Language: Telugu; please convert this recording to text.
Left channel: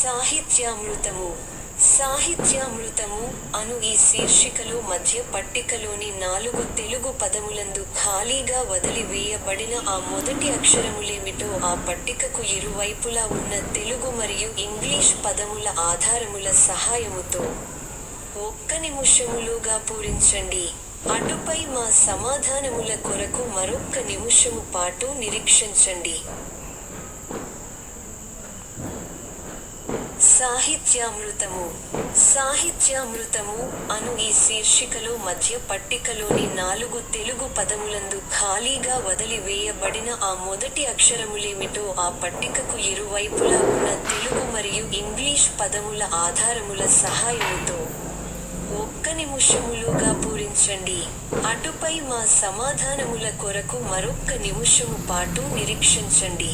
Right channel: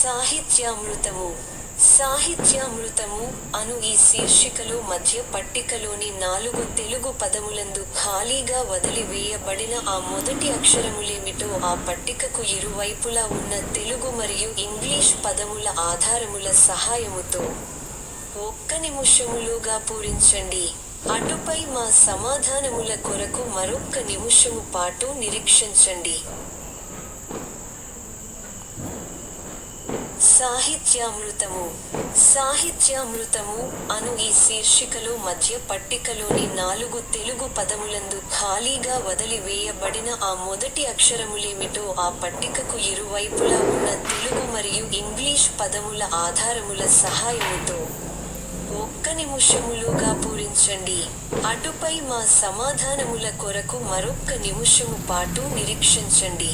సాహిత్యామృతము. సాహిత్యామృతము అను ఈ శీర్షికలో మధ్య పట్టికలోని 4 తెలుగు పదములందు ఖాళీగా వదిలి వేయబడిన ఆ మొదటి అక్షరములేమిటో ఆ పట్టికకు ఇరువైపులా ఉన్న తెలుగు మరియు ఇంగ్లీష్ పదముల ఆధారముల సహాయముతో 1 నిమిషములోగా పూరించండి. అటుపై మా సమాధానముల కొరకు మరొక్క నిమిషము పాటు నిరీక్షించండి. సాహిత్యామృతము. సాహిత్యామృతము అను ఈ శీర్షికలో మధ్య పట్టికలోని 4 తెలుగు పదములందు ఖాళీగా వదిలి వేయబడిన ఆ మొదటి అక్షరములేమిటో ఆ పట్టికకు ఇరువైపులా ఉన్న తెలుగు మరియు ఇంగ్లీష్ పదముల ఆధారముల సహాయముతో 1 నిమిషములోగా పూరించండి. అటుపై మా సమాధానముల కొరకు మరొక్క నిమిషము పాటు నిరీక్షించండి.